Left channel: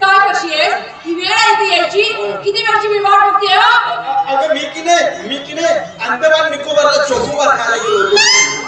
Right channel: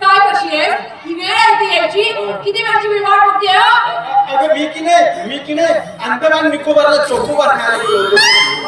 काय कशी आहे ही वेळ आहे ती यायची किती वेळची मी वाट बघते मी मी निकोबारला चोकोबार खायला गेलो.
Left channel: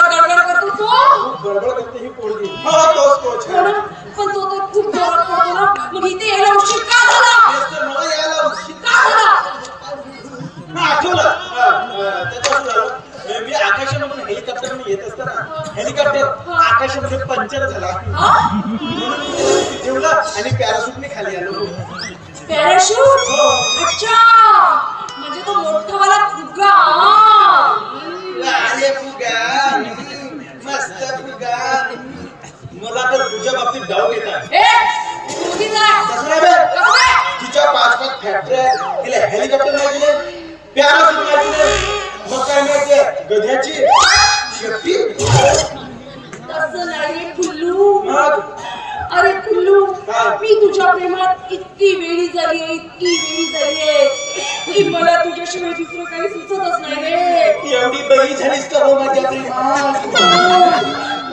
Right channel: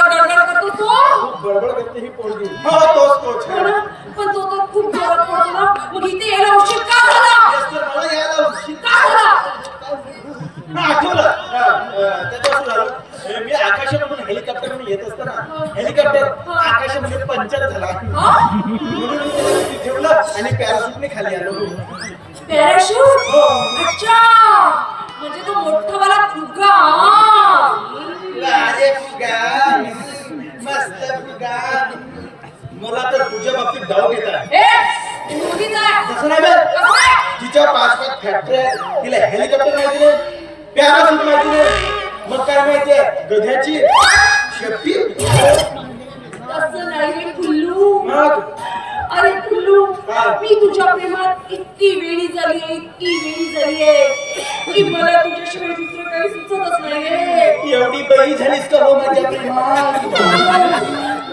फॅक्टऱ्या तिला हेलिकॉप्टर माहिती पॅराशूट माहिती मग काय माहिती गध्याची शेपटी नाही मग अरे पिल्लू हा. मी तुझ्या प्रेमात इतकी वेळी झाली इतकी वेळी झाली की मला तुझ्याशिवाय दुसरं काही सुचतच नाही रे. एवढी बळी झालीस का हो माझ्या प्रेमात?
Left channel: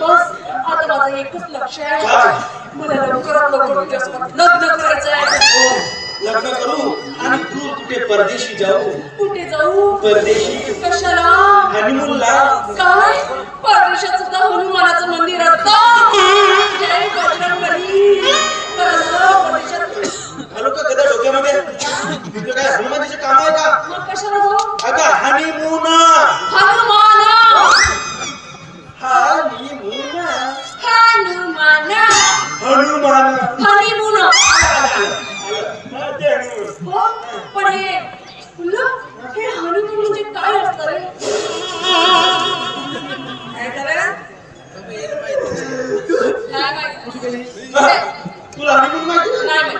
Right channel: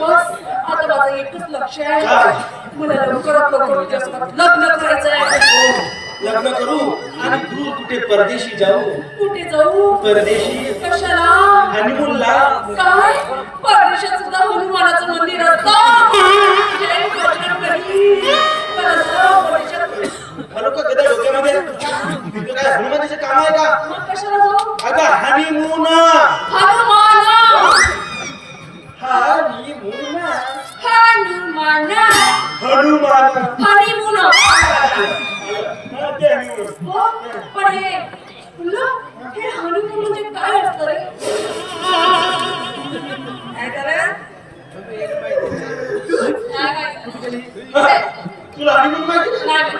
बस आता माझं एकच लक्ष आहे. मला लवकरात लवकर तुझ्यासोबत लग्न करायचंय लग्न करू आणि तू कुठे परदेशी जाऊ? कुठे जाऊ? परदेशी. कशाला? हनीमूनला काय? परदेशात सुद्धा हनुमानाचं मंदिर असतं. हो पण हे पिल्लू, हे हनुमान म्हणजे काय असतं रे काय झालं? तुला हनीमून माहिती नाही?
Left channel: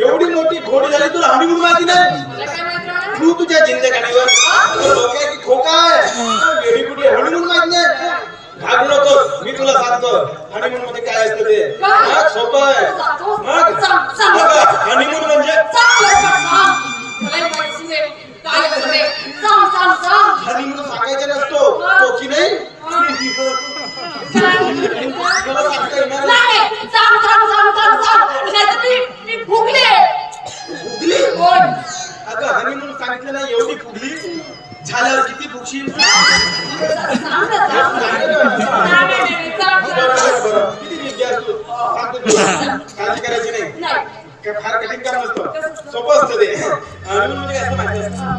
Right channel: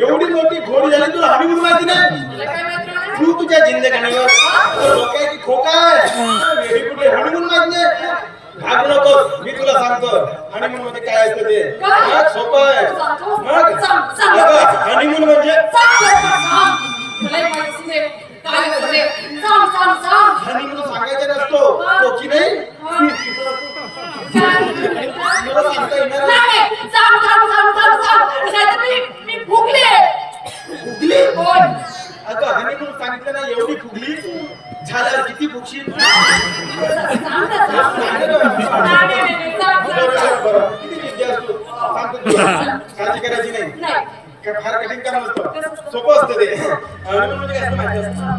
एवढी मोठी घोडी झाली तुला हनीमून माहिती नाही तू तुझ्या जिंदगानीवर खोका कुठे हनीमून माहिती नाही घाबरू नको मी तुला सांगतो. हनीमून मध्ये काय असतं ते? सोपं आहे. मग. हनीमून म्हणजे? सांग लवकर, सांग. किती विद्या असतो सांगतो तुला काळजी करायची नाही नाही. काय फार कठीण काम असतं सोपं असतं ते हनीमून म्हणजे काय असतं माहिती असतं हा,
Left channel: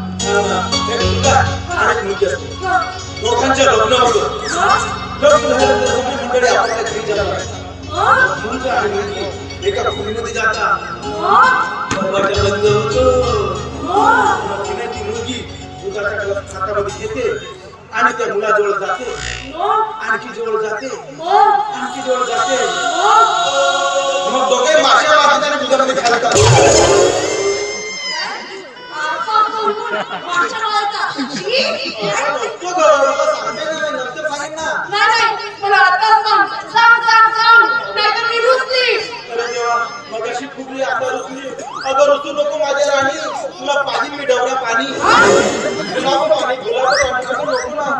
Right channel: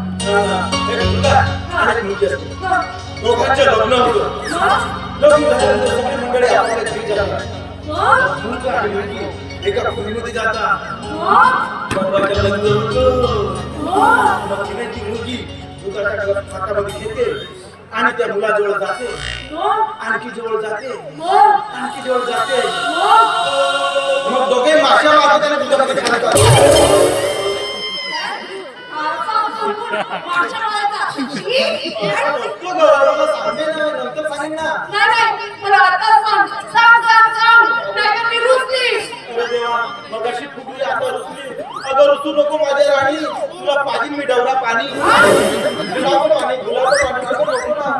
एक मुलगा आणि एक मुलगी असते हं. दोघांचे लग्न होतं हं? लग्न झाल्यानंतर सगळी मंडळी आपल्या घरी जातात हं? मुलगा आणि मुलगी एका खोलीमध्ये जातात हं? दरवाजा बंद होतो हं? मग तिने ती मुलगी मुलाच्या गळ्यात हातामध्ये घेते आणि त्या मुलाजवळ जाते हं? आणखी जवळ जाते हं? आणखी जवळ जाते हं? मग दोघे माश्या वाजत आणि दुधामध्ये घालतात मागच्या वेळेला. शी. तो गं, सांगते ना, नंतर सांगेन ना. नाही, नाही, मला आता सांग. सांग, सांग, सांग. नाहीतर मी रुसली. अरे देवा, मगाशी फुगली आता रुसली अगं रुसू नको माझ्या राणी तुला पाहिजे मी डवरा पाणी गुलाब पाणी गुलाब पाणी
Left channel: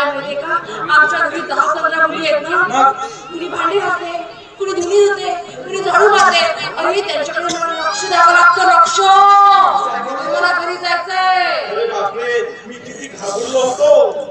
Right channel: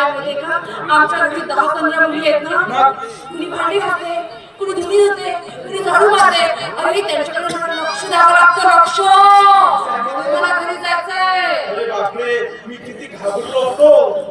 आमच्या घरी दहा पंधरा मुली आहेत ना. कुणी भांडी घासते, कुणी धुणी धुते, कुणी झाडू मारते. अरे, त्यांच्याकडे मला लक्ष द्यावं लागतं, लक्ष. मला घरी जायचंय. अरे बाप बापरे मी किती घाबरलो होतो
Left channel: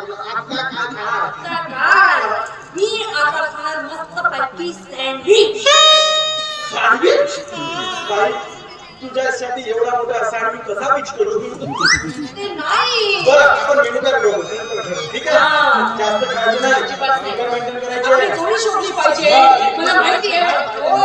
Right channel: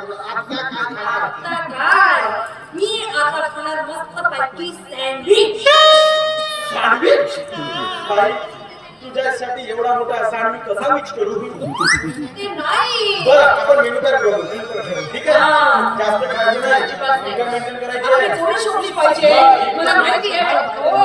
आता काय खाणार आता खाणार सँडविच सँडविच तुझ्यासाठी एवढा मोठा सँडविच कसा मिक्स करू? ते नाही बरं आपण मेनू काय करू? ठीक आहे? जास्त काळजी नाही. अजिबात नाही. करायची थोडी पाहिजे. मला माहिती आहे. हो.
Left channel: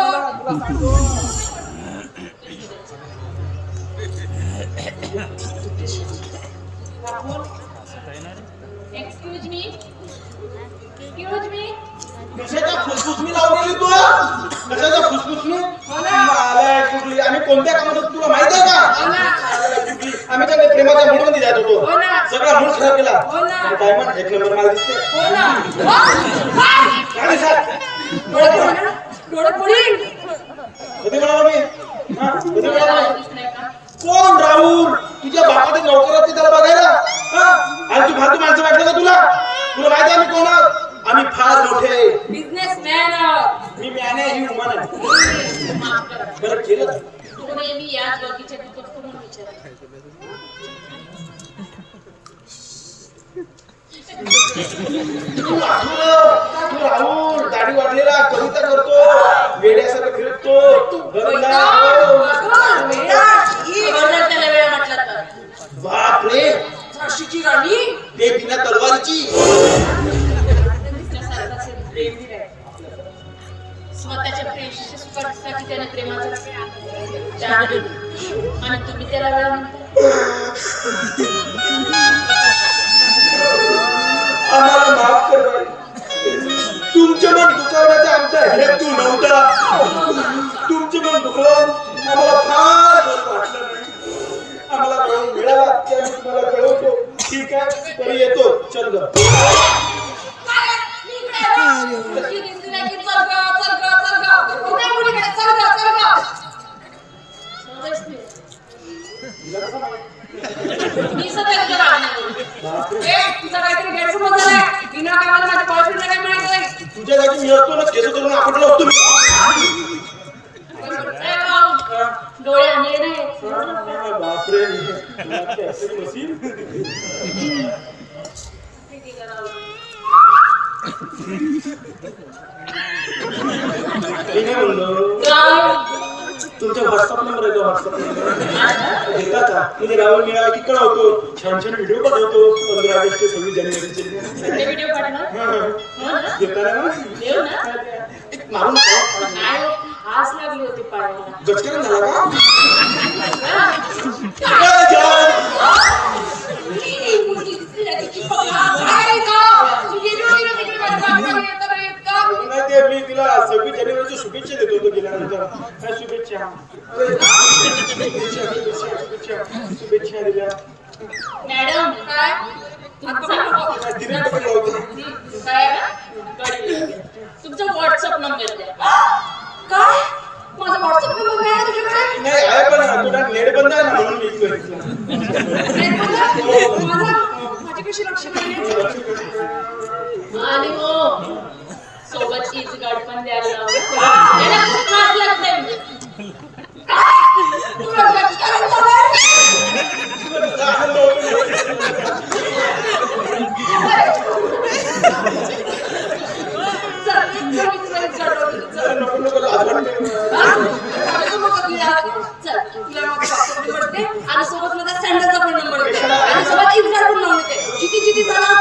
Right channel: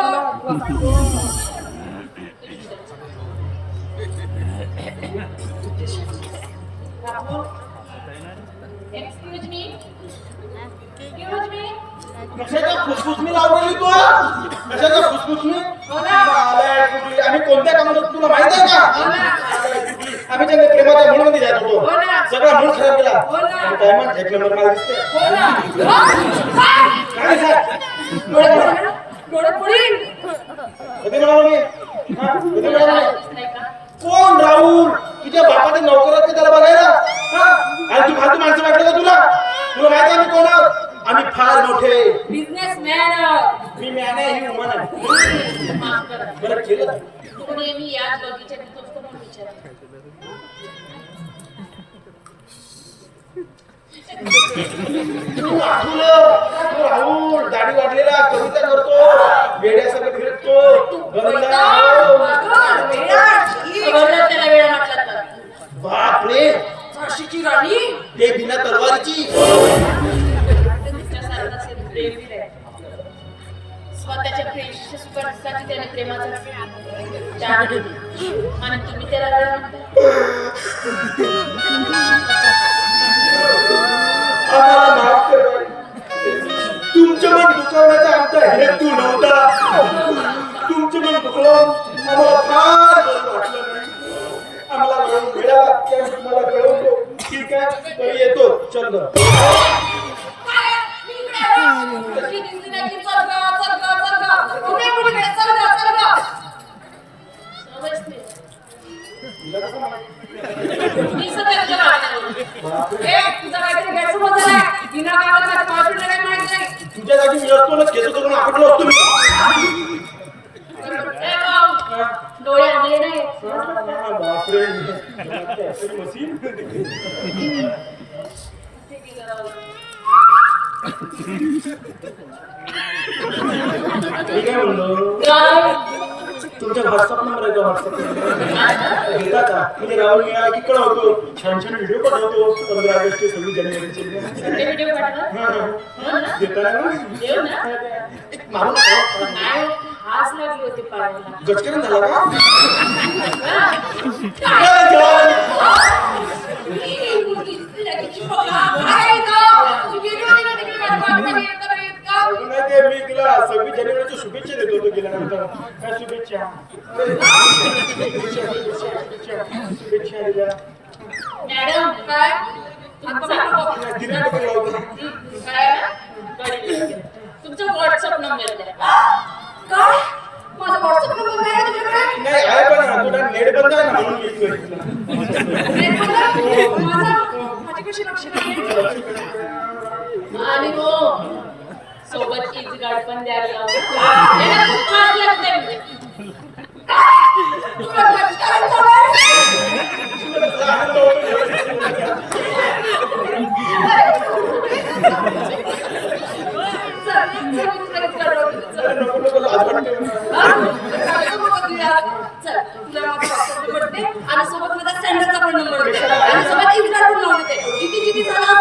कशाच्या फुसफुसमी लावलेली तू? कशाच्या फुसफुसमी अरे, कुठली- आम्ही कोणत्या कामात तुला माहीत आहे का? आम्ही त्याच्या प्रेमाच्या मूडमध्ये जात होतो. सगळा मूड खराब केला. डायमंड एक नंबर मला दिसते हो ना. काय सांग? डोळे पडले ना? डोळे पडील. कधी बोलावं मी? हा? कधी बोलावं? दिसत नाही का? कोण राहुल तुझ्या बापाचे नोकर असते त्याला बघायला हा? आणि तू फालतू माणसं वाटलं का तुला तुला माहिती आहे मी कोण आहोत? आम्ही फार मोठे आहे. Businessman आहोत. मी मॅने ही woman आहे. माफ करा. बरं केलं का? तू नेहमी याच बगीच्यात येतोस का म्हणून विचारते. तू राहुल दाढी वाढलेला कविता करतो वेड्यासारखं फिरतो झाशीची राणी ते बिना तलवारीची स्वतःच्या प्रेयसीच्या सुखासाठी त्याने प्रेमाचा त्याग दिला. आणि तुम्ही त्याला वेळ म्हणता आम्हाला माफ करा. तुमच्या मन दुखावण्याचा आमचा हेतू नव्हता तुमचे मन दुखवून आम्हाला फार बरं वाटलं. आम्हाला वेळ मिळाला की आम्ही तुम्हाला कळवतो ठीक आहे तरी येतो चल बापरे तुमच्या व्हॉट्सअप नंबर की छान छान व्हिडिओ बनवतो पंधरा ऑगस्ट सव्वीस जानेवारीचे आज लागली होती पायाला गचकन झाला का? जय जवान! नाही ते मी तिला सव्वीस जानेवारीच्या शुभेच्छा देतो गेल्यानंतर. काय शुभेच्छा शुभेच्छा. आणि हो सोबत चीज गाड पण द्यायला लावा. त्याला खूप महाग लागते. तुला लक्ष करायचं चल, चल, आणि सोबत माझा sender पण number आणि सोबत Insta पण लावून जिथे जिथे जाणार